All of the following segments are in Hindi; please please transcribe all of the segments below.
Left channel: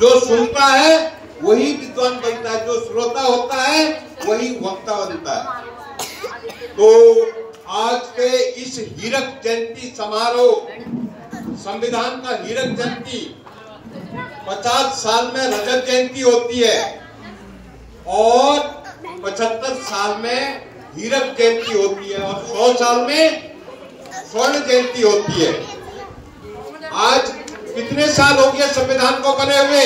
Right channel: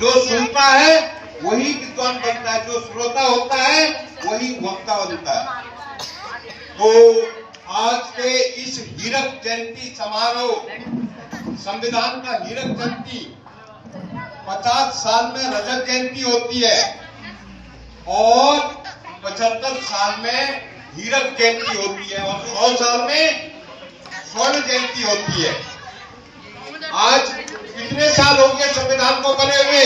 जो सुनता है वही विद्वान बनता है, जो श्रोता होता है वही वक्ता बनता है। तो आज के इस हीरक जयंती समारोह, संविधान का हीरक जयंती, 50 साल में रजत जयंती होती है और 75 साल में हीरक जयंती होती है और 100 साल में स्वर्ण जयंती होती है। आज कितने साल हो गए संविधान को बने हुए?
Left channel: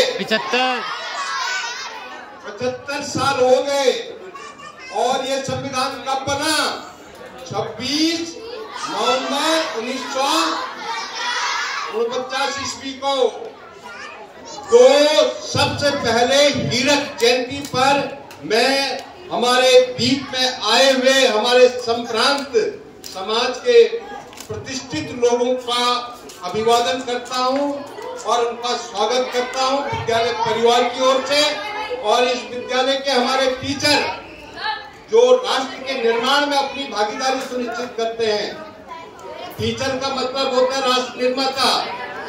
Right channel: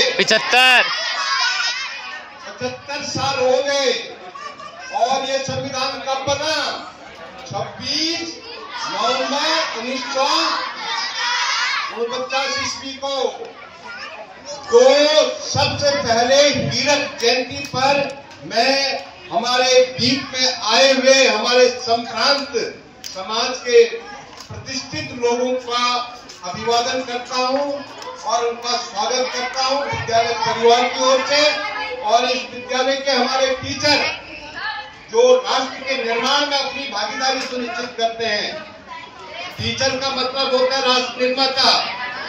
75 साल हो गए। और ये संविधान कब बना? 26 नवंबर 1949 ईस्वी को। तो सबसे पहले हीरक जयंती पर मैं हमारे बीच में आए हुए हमारे संप्रांत समाज के प्रतिष्ठित लोगों का अभिवादन करता हूं और उनका स्वागत करता हूं विद्यालय परिवार की ओर से। और इस विद्यालय के हमारे टीचर जो राष्ट्र के निर्माण में अपनी भागीदारी सुनिश्चित करते हैं। टीचर का मतलब होता है राष्ट्र निर्माता।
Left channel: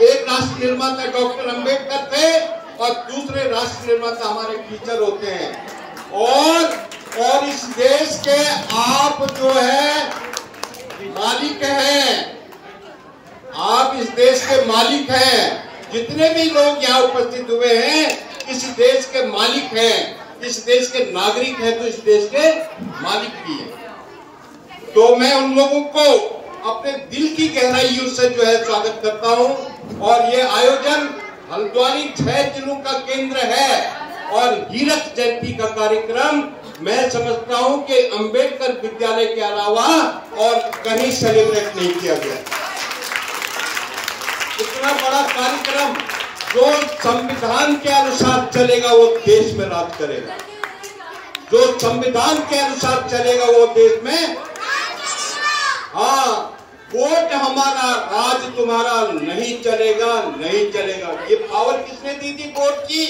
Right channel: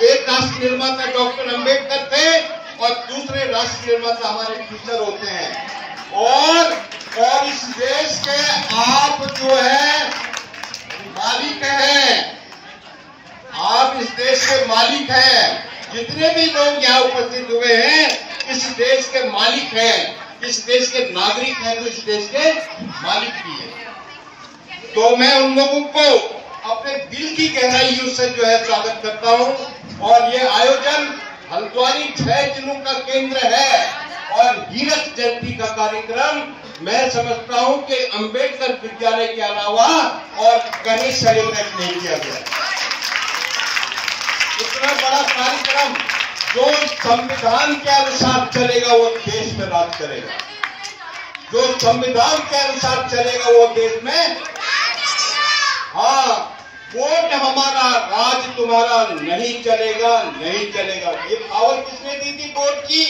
एक राष्ट्र निर्माता डॉक्टर अंबेडकर थे और दूसरे राष्ट्र निर्माता हमारे टीचर होते हैं। और इस देश के आप जो है मालिक हैं, आप इस देश के मालिक हैं। जितने भी लोग यहाँ उपस्थित हुए हैं इस देश के मालिक हैं, इस देश के नागरिक हैं, तो इस देश के मालिक भी हैं। तो मैं उन लोगों को अपने दिल की गहराइयों से जो है स्वागत करता हूँ। और ये आयोजन हल्द्वानी 6 जिलों का केंद्र है और हीरक जयंती का कार्यक्रम मैं समझता हूँ कि अंबेडकर विद्यालय के अलावा और कहीं सेलिब्रेट नहीं किया गया। इतना बड़ा कार्यक्रम जो संविधान के अनुसार चलेगा वो देश में राज करेगा। जो संविधान के अनुसार चलेगा वो देश में, हाँ, वोट हमारा राज तुम्हारा नहीं चलेगा, नहीं चलेगा। ये पावर किसने दी थी वोट की?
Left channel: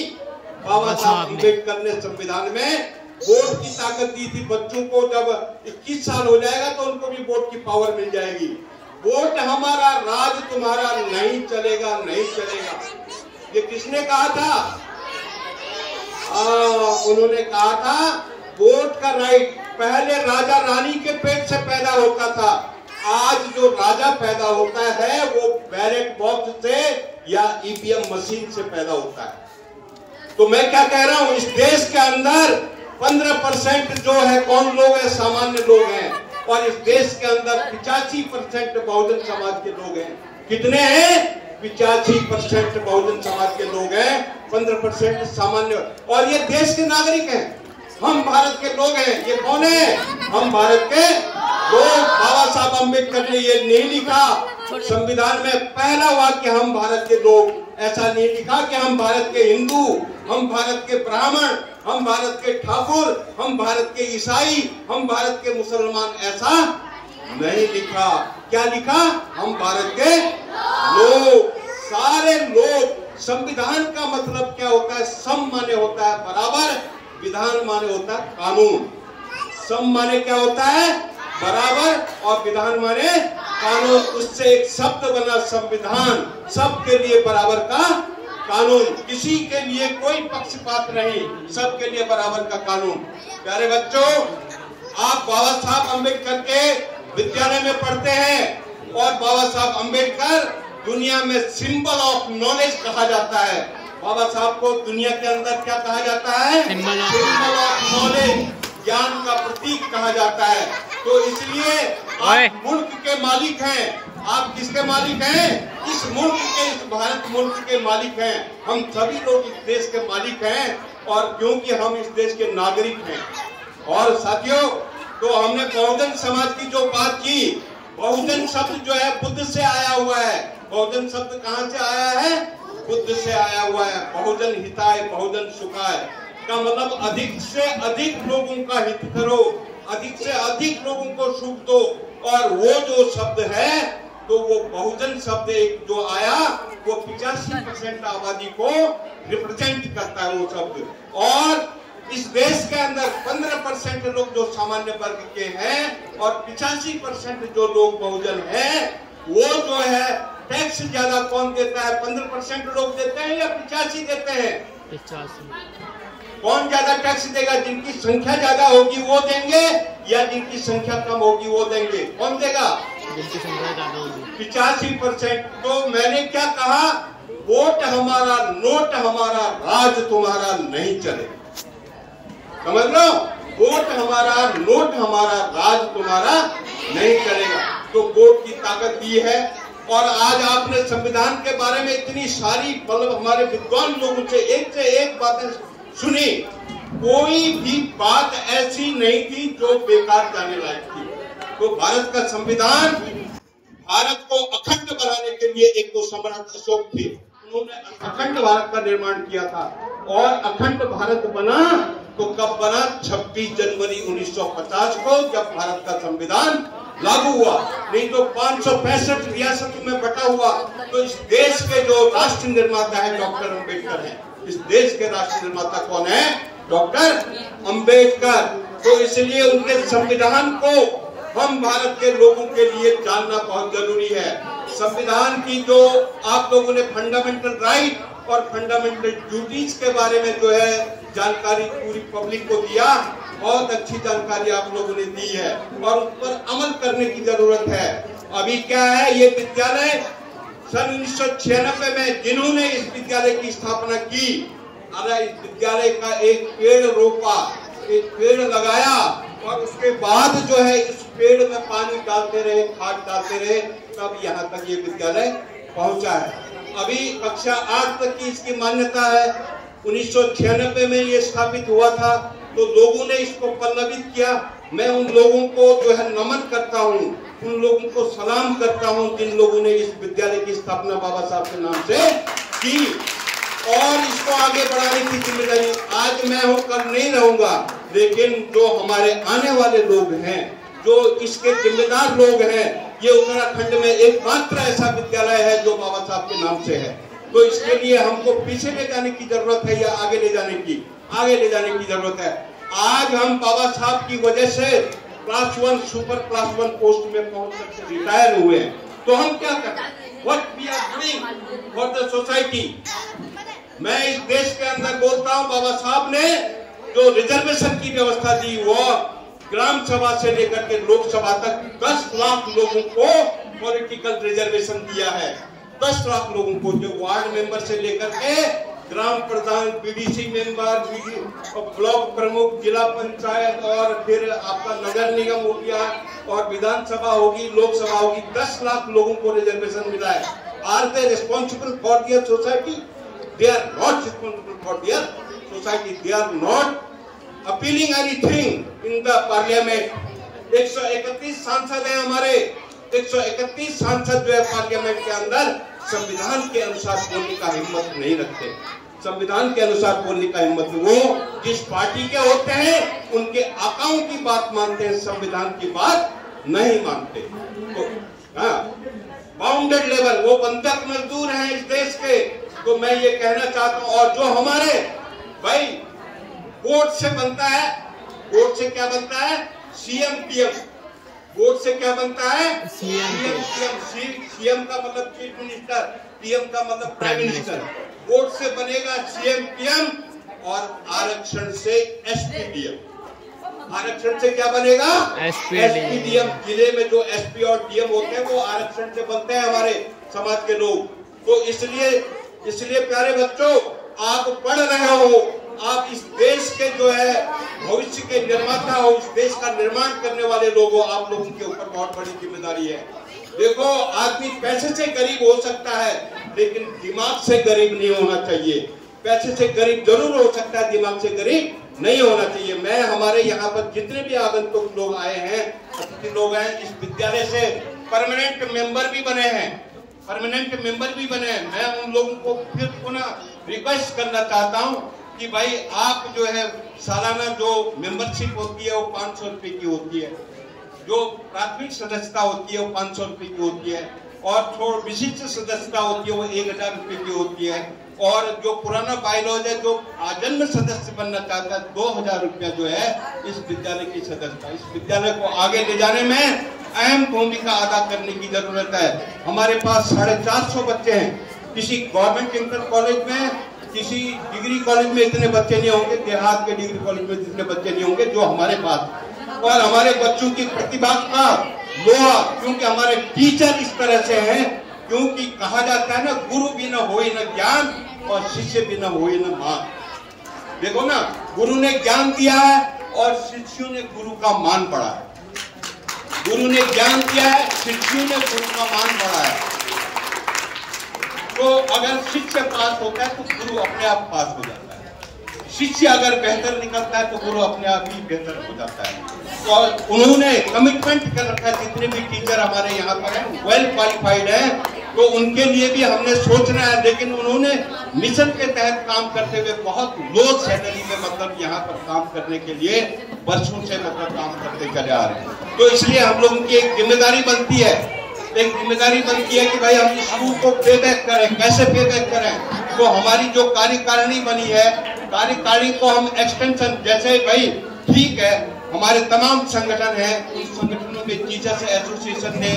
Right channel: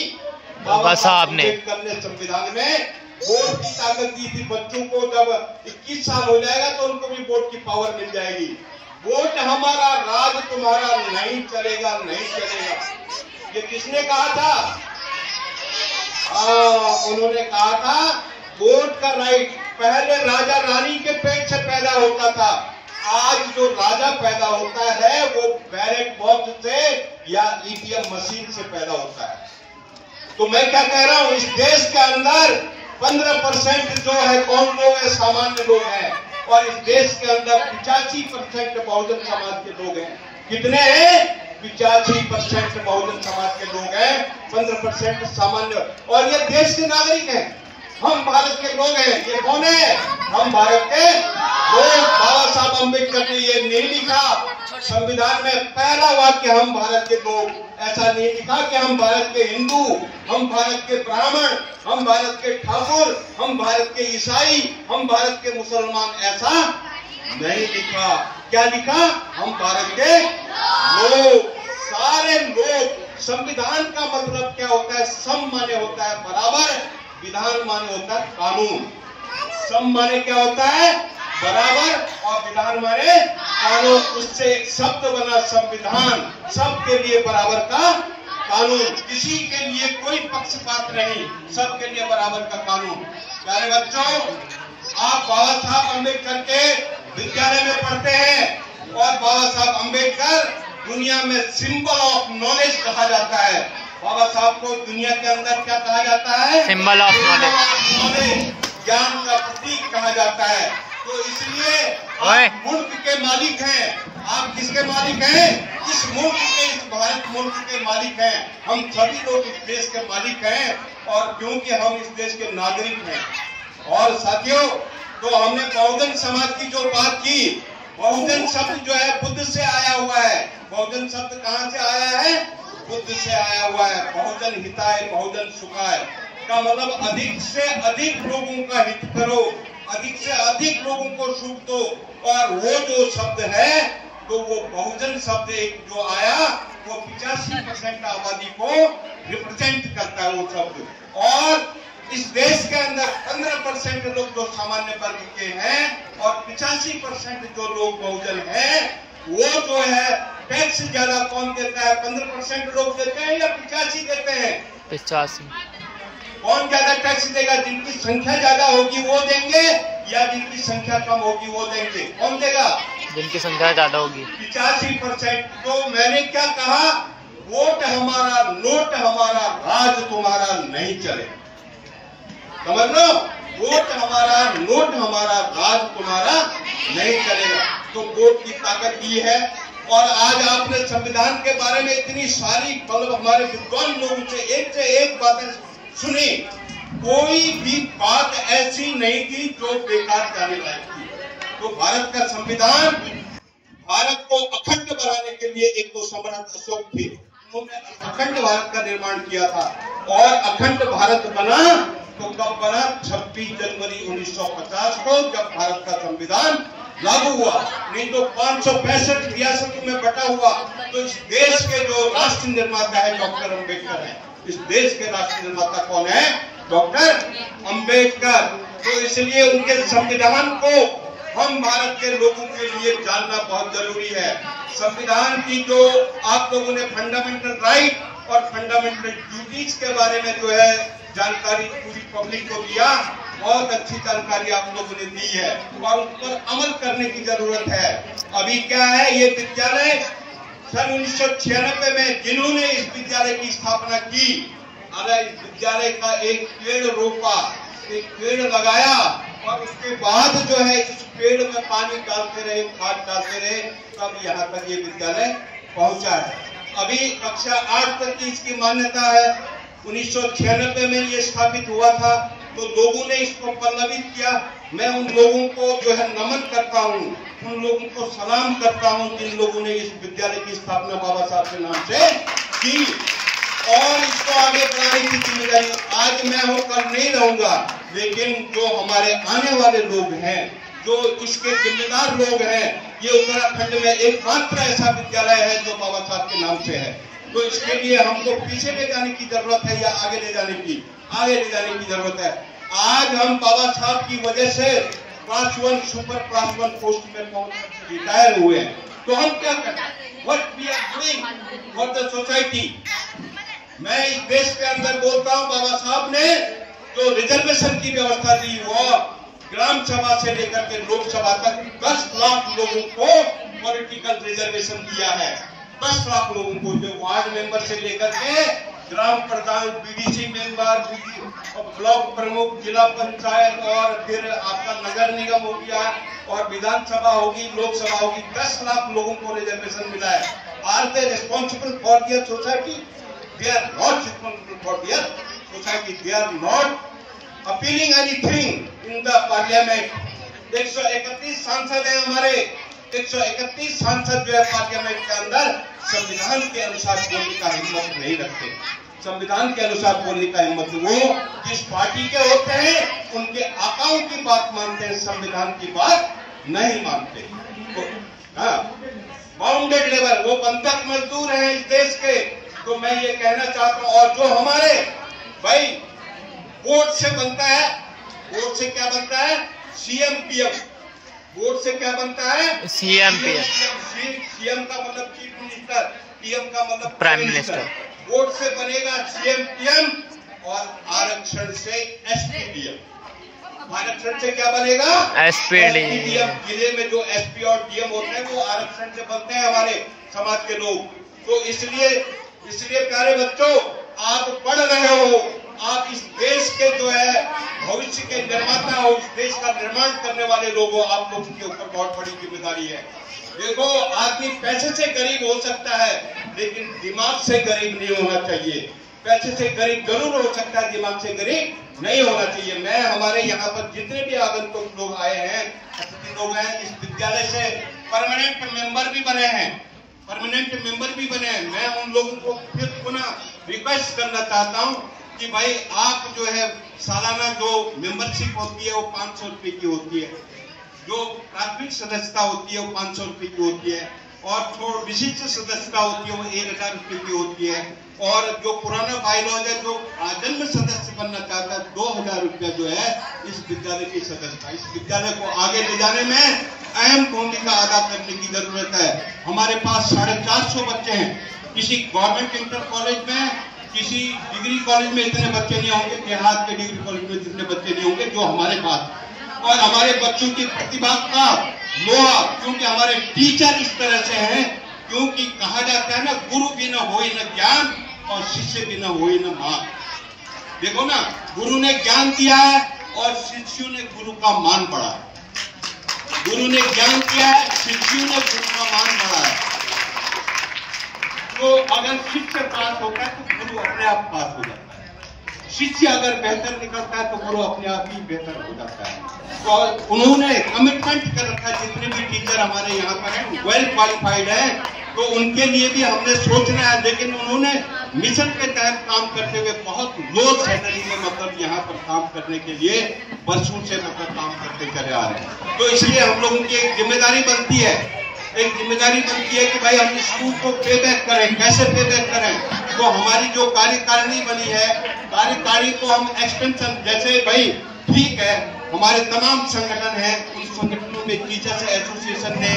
बाबा साहब ने। अम्बेडकर ने संविधान में वोट की ताकत दी थी। बच्चों को जब 21 साल हो जाएगा तो उनको भी वोट की पावर मिल जाएगी। वोट हमारा राज तुम्हारा नहीं चलेगा, नहीं चलेगा। ये किसने कहा था? उन्होंने कहा था वोट का राइट पहले राजा रानी के पेट से पैदा होता था। आज जो राजा पैदा होता है वो बैलेट बॉक्स से या ईवीएम मशीन से पैदा होता है। तो मैं क्या कह रहा हूँ, इस देश के अंदर 15% जो है कौन लोग है? सामान्य लोग हैं। और इस देश के अंदर 85% बहुजन समाज के लोग हैं। कितने हैं? 85% बहुजन समाज के लोग हैं, 15% सामान्य। और ये देश के नागरिक हैं, हम भारत के लोग हैं। ये कौन है? हम भारत के लोग। बाबा साहब अम्बेडकर ने ये नहीं लिखा संविधान में पहला वाक्य हम भारत के लोग, ऐसा नहीं लिखा कि हम भारत के हिंदू, हम भारत के ब्राह्मण, हम भारत के ठाकुर, हम भारत के ईसाई, हम भारत के मुसलमान, ऐसा नहीं लिखा। क्या लिखा? हम भारत के लोग, सारे लोग। संविधान का मतलब क्या होता है? सम माने होता है बराबर, विधान माने होता है कानून। सम माने क्या होता है? बराबर, और विधान माने कानून। उससे एक शब्द बना संविधान, सबके लिए बराबर का कानून, किसी के लिए कोई पक्षपात नहीं, सबके लिए बराबर का कानून। प्यारे बच्चों, आप बाबा साहब अम्बेडकर के विद्यालय में पढ़ते हैं और बाबा साहब अम्बेडकर दुनिया में सिंबल ऑफ नॉलेज कहा जाता है। बाबा साहब को दुनिया के अंदर क्या कहा जाता है? सिंबल ऑफ नॉलेज, ज्ञान का प्रतीक कहा जाता है। तो इसलिए आप मुल्क के मालिक हैं। आप किसके मालिक हैं? इस मुल्क के, इस भारत मुल्क के मालिक हैं। हम सभी लोग इस देश के मालिक हैं और क्योंकि हम इस देश के नागरिक हैं। और साथियों, तो हमने बहुजन समाज की जो बात की, बहुजन शब्द जो है बुद्ध से आया हुआ है। बहुजन शब्द कहाँ से आया है? बुद्ध से आया हुआ है। बहुजन हिताय बहुजन सुखाय का मतलब अधिक से अधिक लोगों का हित करो, अधिक से अधिक लोगों को सुख दो। और वो जो शब्द है, तो वो बहुजन शब्द एक जो आया वो 85% आबादी को रिप्रेजेंट करता है वो शब्द। और इस देश के अंदर 15% लोग जो सामान्य वर्ग के हैं और 85% जो लोग बहुजन हैं, वो जो है टैक्स ज्यादा कौन देता है? 15% लोग देते हैं या 85 देते हैं? 85। कौन ज्यादा टैक्स देगा? जिनकी संख्या ज्यादा होगी वो देंगे या जिनकी संख्या कम होगी वो देंगे? कौन देगा? जिनकी संख्या ज्यादा होगी। 85%। तो मैंने क्या कहा? वोट हमारा, नोट हमारा, राज तुम्हारा नहीं चले। समझ लो, वोट हमारा, नोट हमारा, राज तुम्हारा नहीं चलेगा। तो वोट की ताकत ये है। और आज आपने संविधान के बारे में इतनी सारी हमारे विद्वान लोगों से एक बातें सुनी, कोई भी बात ऐसी नहीं थी जो बेकार जाने लायक थी। तो भारत का संविधान भारत को अखंड बनाने के लिए एक तो सम्राट अशोक थे, उन्होंने अखंड भारत का निर्माण किया था। और अखंड भारत बना तो कब बना? 26 जनवरी 1950 को, जब भारत का संविधान लागू हुआ। नहीं तो 565 रियासतों में बटा हुआ। तो इस देश के जो राष्ट्र निर्माता है डॉक्टर अम्बेडकर है। इस देश के राष्ट्र निर्माता कौन है? डॉक्टर अम्बेडकर। तो इसलिए उनके संविधान को हम भारत के लोगों के लिए जानना बहुत जरूरी है। संविधान की जो आप लोगों ने फंडामेंटल राइट और फंडामेंटल ड्यूटीज के बारे में जो है जानकारी पूरी पब्लिक को दिया, बहुत अच्छी जानकारी आप लोगों ने दी है और उस पर अमल करने की जरूरत है। अभी क्या है, ये विद्यालय सन 1996 में जिन्होंने इस विद्यालय की स्थापना की, इस विद्यालय का एक पेड़ रोपा, एक पेड़ लगाया और उसके बाद जो है इस पेड़ में पानी डालते रहे, खाद डालते रहे, तब यहाँ तक ये विद्यालय पहुंचा है। अभी कक्षा 8 तक की इसकी मान्यता है। 1996 में ये स्थापित हुआ था, तो लोगों ने इसको पल्लवित किया। मैं उन लोगों को जो है नमन करता हूँ, उन लोगों को सलाम करता हूँ जिन लोगों ने इस विद्यालय की स्थापना बाबा साहब के नाम से की और इसको आगे बढ़ाने की जिम्मेदारी आज मैं होकर नहीं रहूंगा, लेकिन जो हमारे आने वाले लोग हैं, जो इसके जिम्मेदार लोग हैं, ये उत्तराखंड में एकमात्र ऐसा विद्यालय है जो बाबा साहब के नाम से है। तो इसके लिए हमको पीछे ले जाने की जरूरत है या आगे ले जाने की जरूरत है। आज हम बाबा साहब की वजह से क्लास 1 सुपर क्लास 1 पोस्ट में पहुंच करके रिटायर हुए हैं। तो हम क्या करें? What we are doing for the society. मैं इस देश के अंदर बोलता हूँ, बाबा साहब ने जो रिजर्वेशन की व्यवस्था दी, वो ग्राम सभा से लेकर के लोकसभा तक 10 लाख लोगों को पॉलिटिकल रिजर्वेशन दिया है। 10 लाख लोगों को, जो वार्ड मेंबर से लेकर के ग्राम प्रधान, बीडीसी मेंबर, ब्लॉक प्रमुख, जिला पंचायत और फिर आपका नगर निगम हो गया और विधानसभा होगी, लोकसभा होगी, 10 लाख लोगों को रिजर्वेशन मिला है। Are they responsible for their society? They are not responsible for their society. They are not appealing anything in the parliament. 131 सांसद हैं हमारे, 131 सांसद जो है पार्लियामेंट के अंदर संविधान के अनुसार बोलने का हिम्मत नहीं रखते। संविधान के अनुसार बोलने का हिम्मत वो जिस पार्टी के होते हैं उनके आकाओं की बात मानते हैं, संविधान की बात नहीं मानते। बाउंडेड लेबर, वो बंधक मजदूर हैं इस देश के। तो मैं ये कहना चाहता हूँ, और जो हमारे भाई वोट से बनता है, वोट से क्या बनता है? CM PM. वोट से क्या बनता है? CM PM. सीएम का मतलब चीफ मिनिस्टर, पीएम का मतलब प्राइम मिनिस्टर। वोट से बनेगा सीएम पीएम और आरक्षण से एसपीडीएम। आरक्षण से क्या बनेगा? एसपीडीएम। जिले में जो एसपी और डीएम होते हैं वो आरक्षण से बनते हैं हमारे समाज के लोग। तो इसलिए प्यारे बच्चों, आप पढ़ रहे हो, आप इस देश के जो है भविष्य के निर्माता हो, इस देश का निर्माण करने वाले लोग हो, आप लोगों के ऊपर बहुत बड़ी जिम्मेदारी है। देखो, आदमी पैसे से गरीब हो सकता है, लेकिन दिमाग से गरीब नहीं होना चाहिए। पैसे से गरीब जरूर हो सकता है, दिमाग से गरीब नहीं होना चाहिए। मैं हमारे यहाँ पर जितने भी आगंतुक लोग आए हैं, अतिथि लोग हैं, इस विद्यालय से परमानेंट मेंबर भी बने हैं, मैं उन लोगों को फिर पुनः रिक्वेस्ट करना चाहता हूँ कि भाई आप जो है सालाना जो मेंबरशिप होती है वो 500 रुपए की होती है, जो प्राथमिक सदस्यता होती है वो 500 रुपए की होती है, और थोड़ा विशिष्ट सदस्यता होती है वो 1000 रुपए की होती है, और जो पुराना बायलॉज है, जो आजन्म सदस्य बनना चाहता है, 2000 रुपया जो है इस विद्यालय की सदस्यता, इस विद्यालय को आगे ले जाने में अहम भूमिका अदा करने की जरूरत है। हमारे पास 450 बच्चे हैं। किसी गवर्नमेंट इंटर कॉलेज में, किसी डिग्री कॉलेज में इतने बच्चे नहीं होंगे, देहात के डिग्री कॉलेज में जितने बच्चे नहीं होंगे जो हमारे पास। और हमारे बच्चों की प्रतिभा का लोहा, क्योंकि हमारे टीचर इस तरह से हैं, क्योंकि कहा जाता है ना, गुरु बिना होई न ज्ञान और शिष्य बिना होई न मान। देखो ना, गुरु ने ज्ञान दिया है और शिष्यों ने गुरु का मान बढ़ाया। गुरु ने ज्ञान दिया है, शिष्यों ने गुरु का मान बढ़ाया। तो अगर शिष्य पास होता है तो गुरु अपने आप पास हो जाता है। शिष्य अगर बेहतर निकलता है तो गुरु अपने आप ही बेहतर हो जाता है। तो उन्होंने कमिटमेंट कर रखा है, जितने भी टीचर हमारे यहाँ पर हैं वेल क्वालिफाइड हैं, तो उनके लिए भी हमने सोचना है। लेकिन उन्होंने मिशन के तहत काम करते हुए बहुत लो सैलरी में मतलब यहाँ पर काम करने के लिए वर्षों से मतलब काम करते चले आ रहे हैं। तो इसलिए हम लोगों की एक जिम्मेदारी बनती है, कि भाई हम स्कूल को पे बैक करें। कैसे पे बैक करें? तो हमारी जो कार्यकारिणी बनी है, कार्यकारिणी को हम एक्सटेंशन, जैसे भाई ठीक है हमारे तमाम संगठन हैं, उन संगठनों में टीचर्स एसोसिएशन ने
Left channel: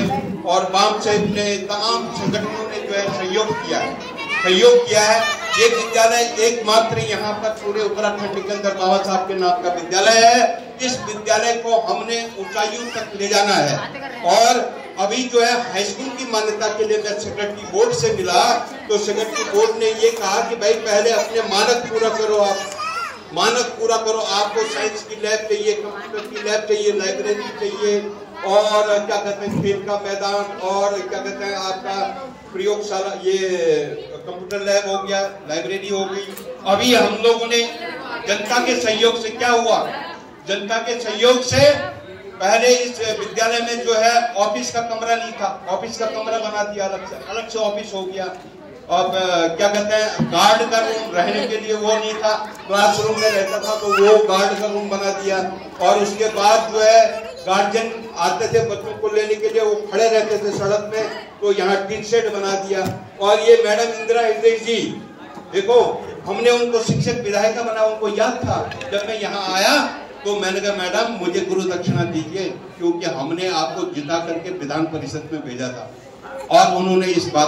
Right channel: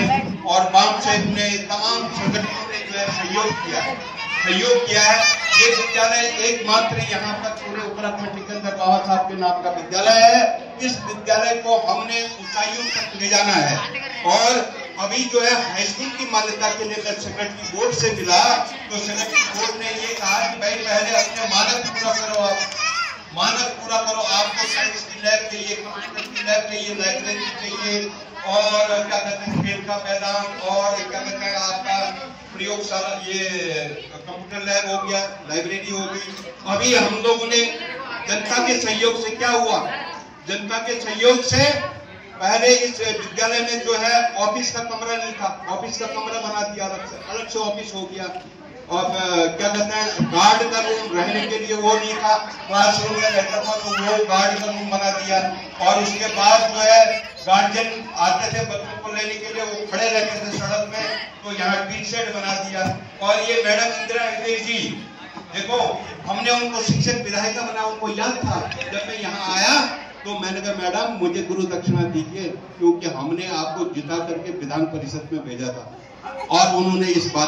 और बाम साहिब ने, तमाम संगठनों ने जो है सहयोग किया है। ये विद्यालय एकमात्र यहाँ पर पूरे उत्तराखंड के अंदर बाबा साहब के नाम का विद्यालय है। इस विद्यालय को हमने ऊंचाइयों तक ले जाना है। और अभी जो है हाई स्कूल की मान्यता के लिए मैं सेक्रेटरी बोर्ड से मिला, तो सेक्रेटरी बोर्ड ने ये कहा कि भाई पहले अपने मानक पूरा करो, आपको साइंस की लैब चाहिए, कंप्यूटर की लैब चाहिए, लाइब्रेरी चाहिए, और क्या कहते हैं खेल का मैदान, और क्या कहते हैं आपका प्रयोगशाला, ये कंप्यूटर लैब हो गया, लाइब्रेरी हो गई। अभी हम लोगों ने जनता के सहयोग से क्या हुआ, जनता के सहयोग से पहले इस विद्यालय में जो है ऑफिस का कमरा नहीं था, ऑफिस का कमरा बना दिया, अलग से ऑफिस हो गया। और क्या कहते हैं गार्ड का रूम रहने के लिए वो नहीं था, क्लासरूम में रहता था तो वो गार्ड का रूम बना दिया। और उसके बाद जो है गार्जियन आते थे बच्चों को लेने के लिए, वो खड़े रहते थे सड़क में, तो यहाँ टी शर्ट बना दिया। और ये मैडम इंदिरा हिंदे जी, देखो हमने उनको शिक्षक विधायिका बना, उनको याद था जब मैं यहाँ आया तो मैंने कहा मैडम मुझे गुरु दक्षिणा दीजिए, क्योंकि हमने आपको जिता करके विधान परिषद में भेजा था। और उन्होंने इस बात